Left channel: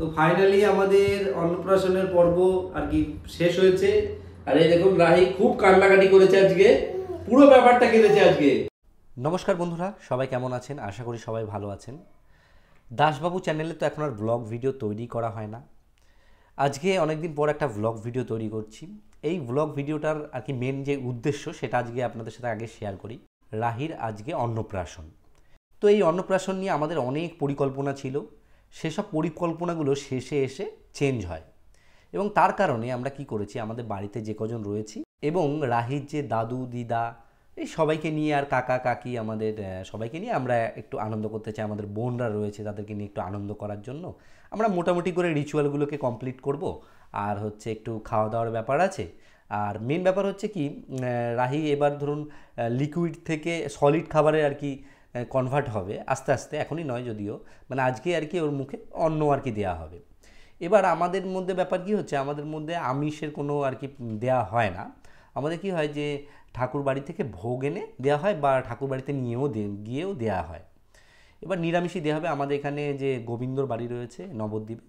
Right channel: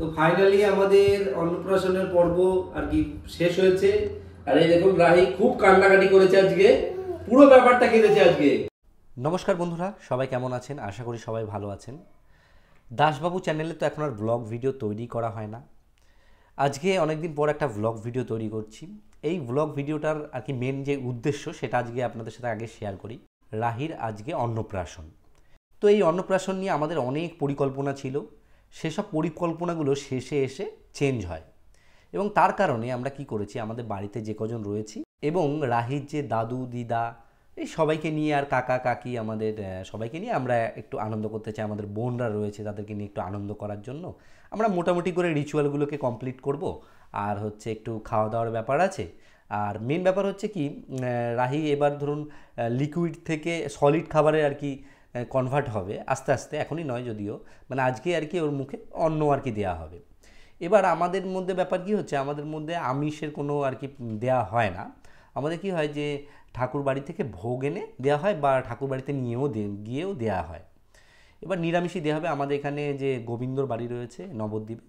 তো ফাইনালি আমাদের অন্নপ্রাশনের পর্ব আর কি শেষ হয়েছে। আর এই দেখুন রাহি খুব কান্নাকাটি করেছে আজকে, পুরো ব্যাপারটা কেঁদেছে আজকে। নমস্কার বন্ধুরা, সবাই কেমন আছেন? আশা করি সবাই ভালো আছেন। দাসবাবু চ্যানেলে তো এখন আর ব্লগ ভিডিও তৈরি করা হয় না। আজকে অনেকদিন পর একটা ব্লগ ভিডিও তৈরি করছি। এই ব্লগ ভিডিওটার আর কি মেন যে উদ্দেশ্য সেটা আজকে আপনাদের সাথে আগে শেয়ার করি। রাহির আজকে অন্নপ্রাশন। তো এই অন্নপ্রাশন নিয়ে আমাদের অনেক পরিকল্পনা ছিল, সেসব পরিকল্পনাগুলো শেষে এসে চেঞ্জ হয় এবং তার কারণে আমরা কি করেছি, আমাদের বাড়িতে যে কজন রয়েছি এবং রাহির যে দাদু দিদা এই সবাইকে নিয়ে আর কাকা কাকি আমাদের সবাইকে নিয়ে আমরা একটু আনন্দ করতে চাই। আমাদের বোনরা রয়েছে, তাদেরকে নিয়ে একটু আনন্দ করার জন্য আমরা মোটামুটি করে রিচুয়ালগুলোকে কমপ্লিট করব। আর হচ্ছে একটু খাওয়া দাওয়ার ব্যাপার আছে। আর মেন ব্যাপার হচ্ছে কি, রাহি এবার ধরুন লিকুইড থেকে সলিড খাবারে আর কি কনভার্ট হবে আস্তে আস্তে, এখনই নয় যদিও, মানে আজকে আর কি ওর মুখে অন্ন আর কি দেওয়া হবে। এবার আমাদের মধ্যে ব্যাপার কি হচ্ছে, আমাদের মধ্যে আমিষের কোনো আর কি দেওয়া হয় না। আমাদের কি হয় যে ঠাকুর বাড়ি থেকে ভোগ এনে দেওয়া হয় বা ঠাকুর বাড়িতে গিয়েও দেওয়া হয়। এবার নিরামিষই দেওয়া হবে। আমাদের এখানে যে গোবিন্দর বাড়ি রয়েছে নবদ্বীপে,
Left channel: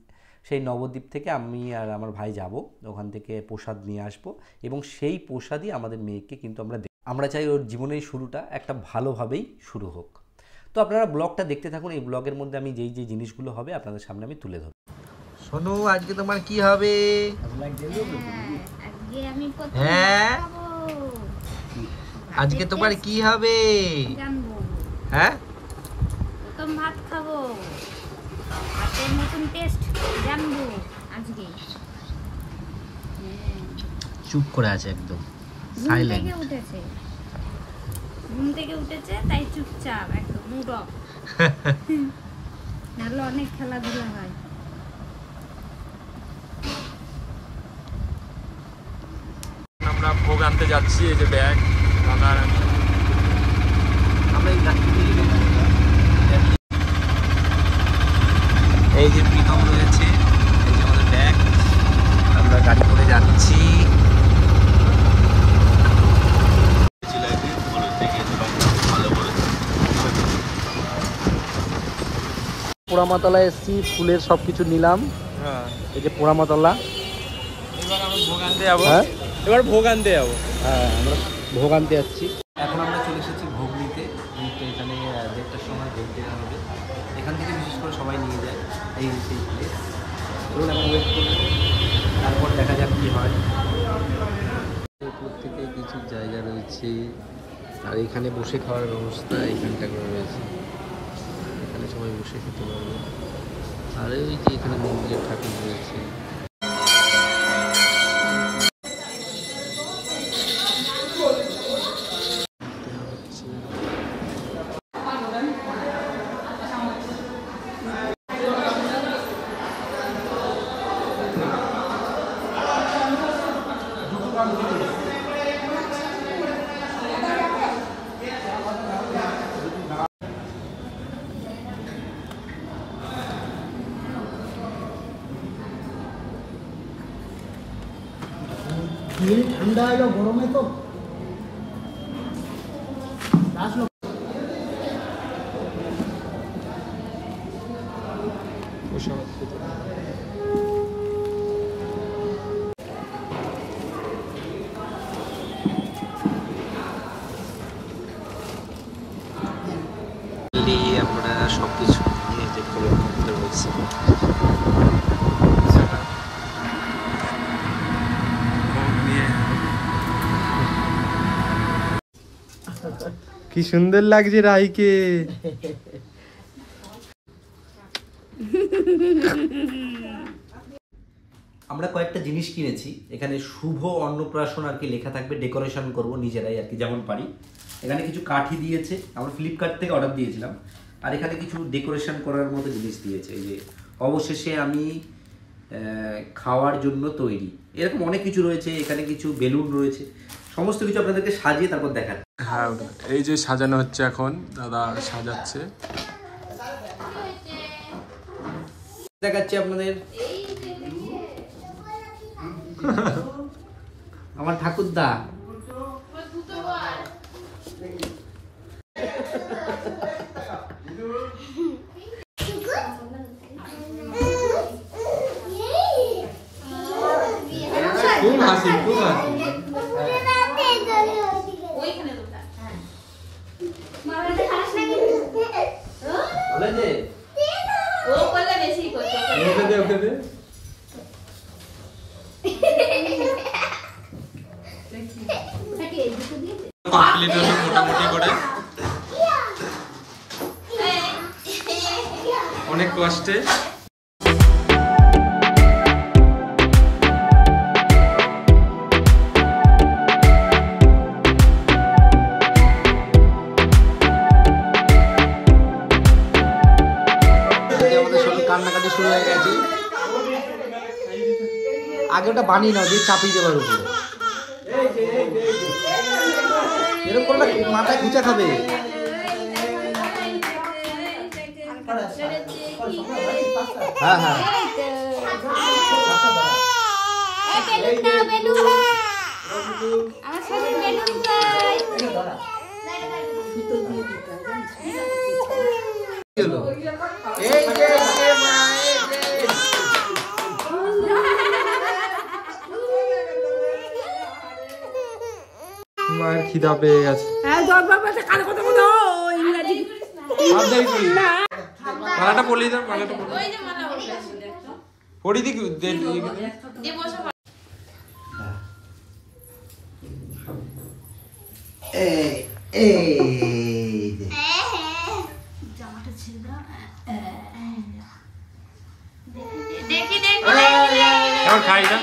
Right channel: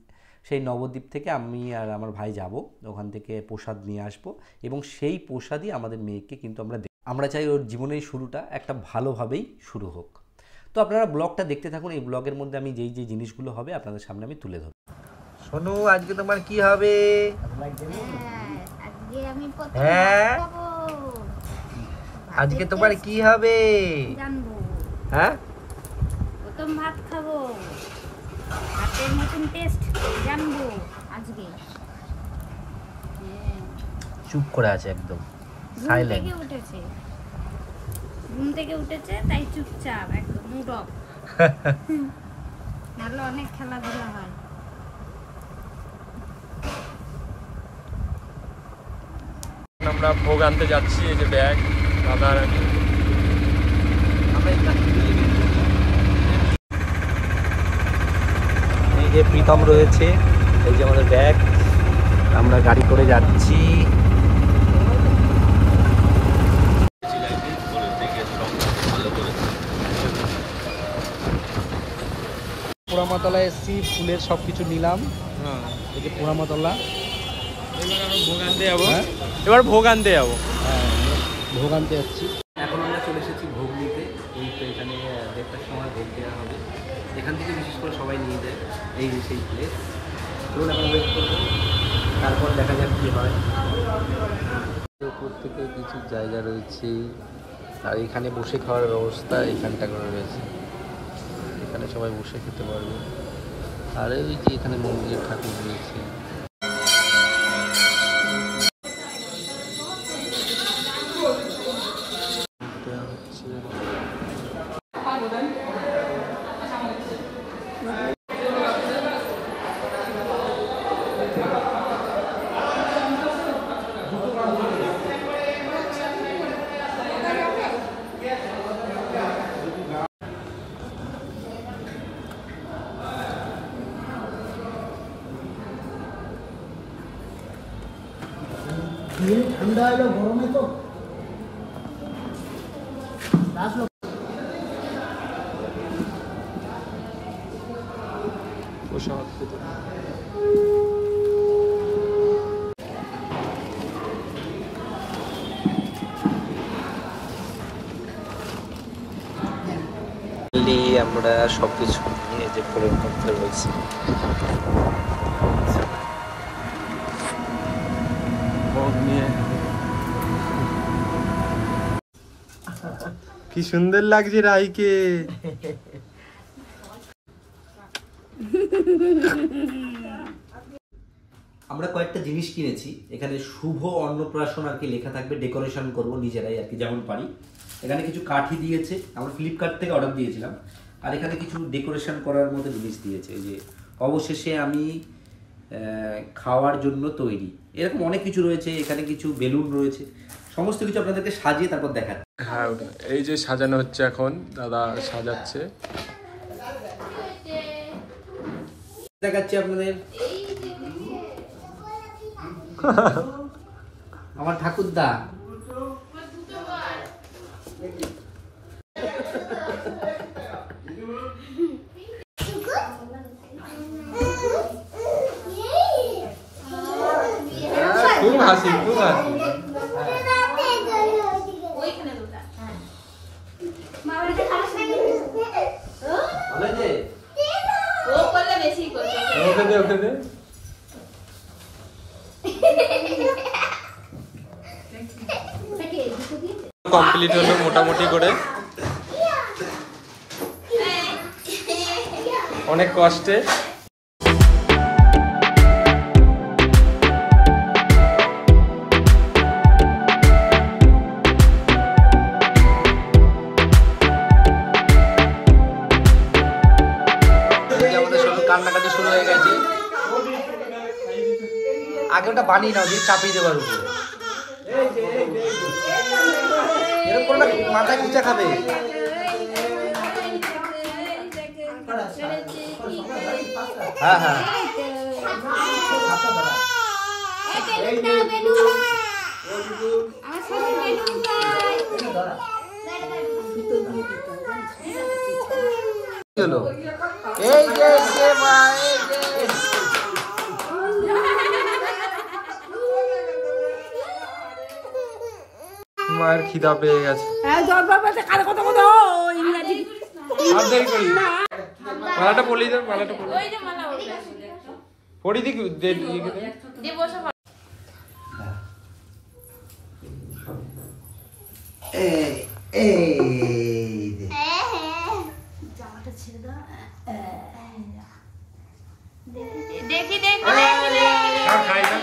সেই নবদ্বীপ থেকে আমি আর আমার ভাই যাব, ওখান থেকে প্রসাদ নিয়ে আসব এবং সেই প্রসাদই আমাদের মেয়েকে কিন্তু আমরা চাই ওর জীবনের শুরুটা একটা ভালোভাবেই শুরু হোক। তো আপনারা ব্লগটা দেখতে থাকুন। এই ব্লগের মধ্যে আমি যেই জিনিসগুলো হবে আপনাদের সামনে আমি তুলে ধরব। সোনু, আজকে তোমার কি হবে? হ্যাঁ, আজকে তোমার কি হবে জানবো। হ্যাঁ, প্রথম ভাত খাবো, ভাতের নতুন টেস্ট জানবো আজকে। চুপ করে আছে একদম সাইলেন্ট। ঘুম থেকে উঠেছে তাই চুপচাপ একদম মুড অফ। নাহলে অনেক খেলাধুলা হয়। আমরা ভোগ আনতে যাচ্ছি। এই যে ব্যাগ দাদার, এই যে প্রীতম রয়েছে, এই যে আমাদের ব্যাগ, আমরা গাড়ি করে যাচ্ছি। পোড়ামাতলা এসছি, ফুলের সবকিছু নিলাম। এই যে পোড়ামাতলা, এবার ভোগ আনতে যাবো। হ্যাঁ, আমরা ভোগ আনতে যাচ্ছি। এখন আমরা চলে এসেছি ভোগ নিতে। এখানে আরেকটার সময় ভোগ দেওয়া হবে। এখান থেকে বিশেষ করে সবাই নিয়ে যায়, এই সেই প্লেস। আমরা ওয়েট করবো, তারপর দেখা যাক কী হয়। উপর থেকে কিছু জায়গা রয়েছে, আর এখানে বসে খাওয়ার ব্যবস্থা এখানটা করে রয়েছে। এখানে সবাই বসে খেতে পারবে। আর ওই যে এখানে মন্দিরের ঠাকুর রয়েছে। ঠান্ডা এলো, গরমে তো আমরা সবকিছু নিয়ে যে করে করতে বলছি। কি সুন্দর লাগছে রাইকে। আমরা কয়েকটা জিনিস কিনেছি। এখানে শুভ অন্নপ্রাশন আর কি লেখা থাকবে, ডেকোরেশন করব নিজেরাই আর কি যেমন পারি। এখানে কিছু কাঠি দিয়েছে, আমরা ফ্লিপকার্ট থেকে অর্ডার দিয়েছিলাম। আর এখানে কিছু ডেকোরেশন করার মতো জিনিস দিয়েছে। এই যে অবশেষে আমি খাওয়ার জন্য তৈরি, এরকম অনেক কিছু রয়েছে। এখানে কিছু বেলুন রয়েছে, সমস্ত কিছু আপনাদেরকে সাজিয়ে তারপর দেখাচ্ছি। হ্যাঁ, এই যে সাজানো হচ্ছে, এখন দাদা সাজাচ্ছে। দেখাচ্ছি আপনাদের আমার ঠাকুরদা। হাসি খুব হাসি। ওকে দে ওকে দে। কমপ্লিট হলো মোটামুটি করে, অনেক কষ্টে। কান্নাকাটি শুরু হয়ে গেছে। আগে ওটা বানিয়ে নাও, দিয়ে চাপিয়ে দেবার উপরে। এরকম করলে মাথায় খুঁচা খাবে। হ্যাঁ হ্যাঁ মায়ের খিদা পেয়ে গেছে। মালাটা পড়লি দাও, মালাটা পড়ি পড়ি দি খাই না।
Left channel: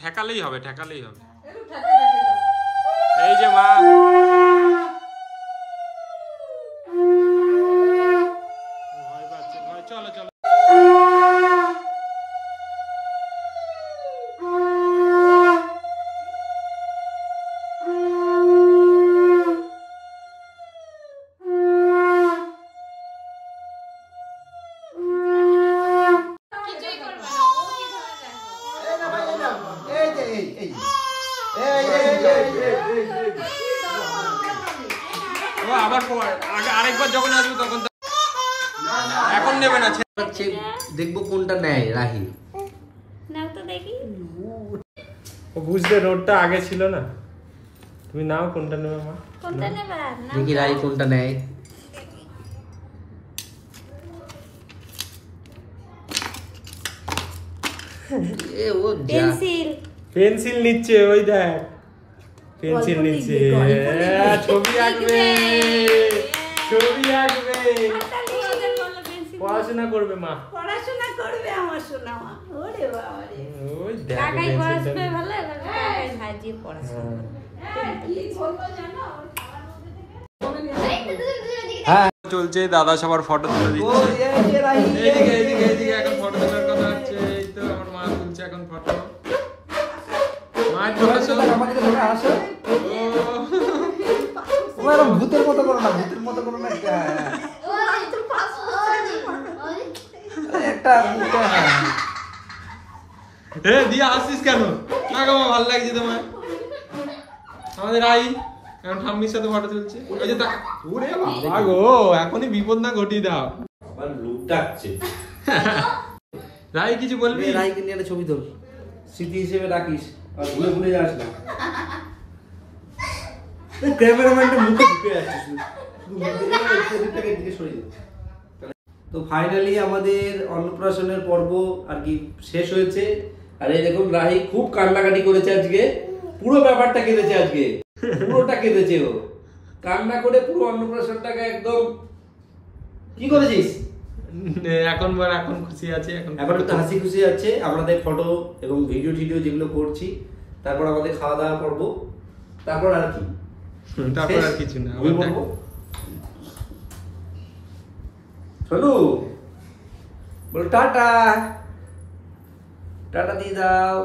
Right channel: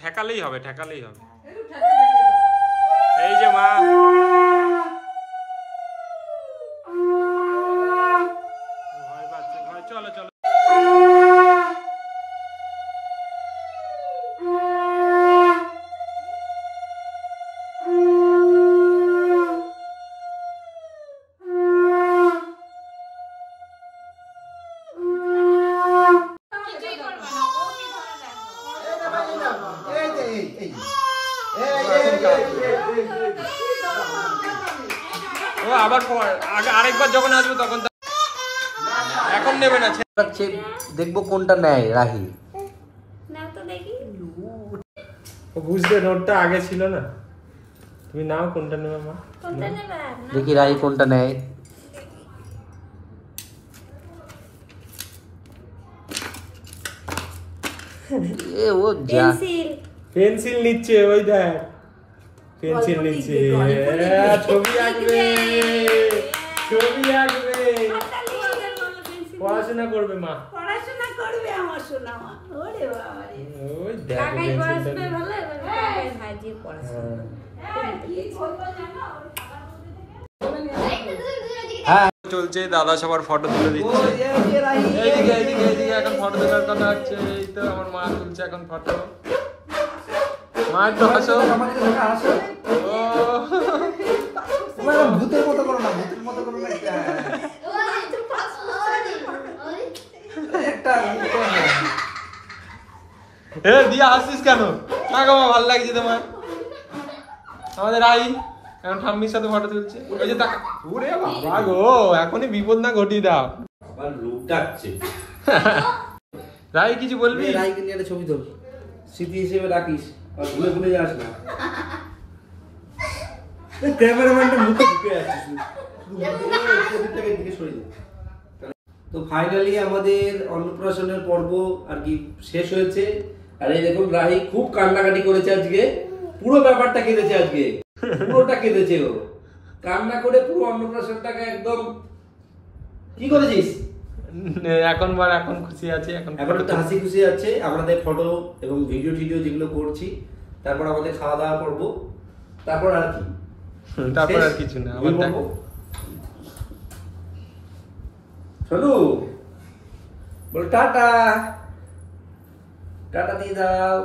ঠেকালেই হবে, ঠেকালেই হবে। এই যে মা ভয় পাচ্ছে, ভয়। চলো চলো। আবার আরেকবার যখন আসবো তখন এখন নেবে না। দেখবো কোনটা নেয় রাহি। বুঝতে নোটটা আগে ছিল না। তুমি নাও কোনটা নেবে মা। দেখি রাহি কোনটা নেয়। পেন্সিল নিচ্ছে, ওই দেখ পেন্সিল নিচ্ছে। ছবি আঁকবে, ছবি আঁকবে, পড়াশোনা করবে মা। ওই দেখ চলছে। দাদা সবার ফটো তুলে দিচ্ছে। এইদিকে এইদিকে এইদিকে এখন ফটো তোলার কথা হচ্ছে। এই তো আমার মা তুলছে এখন ফটো। মায়ের তো হাসো। ভূতের মতো করো না, ভূতের মতো করো না। দিয়ে আসছিস কেন? না গো ভালো লাগছে তোমার। আমাদের আই এখন ঠাম্মির সাথে ফটো তুলছে। ওই যে ওরে বাবা গো, এখনই বিপদ না ঘটিয়ে দাও। আবার লুটাচ্ছে। রাই কিছু বলবি? রাইকে নিয়ে একটা ছবি তোল, স্মৃতি হিসেবে রাখিস, আর ভুলে ভুলে যাস না। ক্যামেরাম্যানটা মুখে ঢুকে আসছিস। তো ফাইনালি আমাদের অন্নপ্রাশনের পর্ব আর কি শেষ হয়েছে। আর এই দেখুন রাহি খুব কান্নাকাটি করেছে আজকে, পুরো ব্যাপারটা কেঁদেছে আজকে, পুরোটা কেঁদেছে ও। কান্না করে পুরো অন্নপ্রাশনটাকে একদম কি করেছিস? এখন খুশি আছে। এখন একটু হাসি খুশি আছে। আমাদের ফটো এবং ভিডিও টিডিও যেগুলো করছি, তারপর আমাদের খাওয়া দাওয়া করবো, তারপর আর কি, তারপর আর কিছু না। আবার দেখো চলো বল টাটা, টাটা দিয়ে দাও।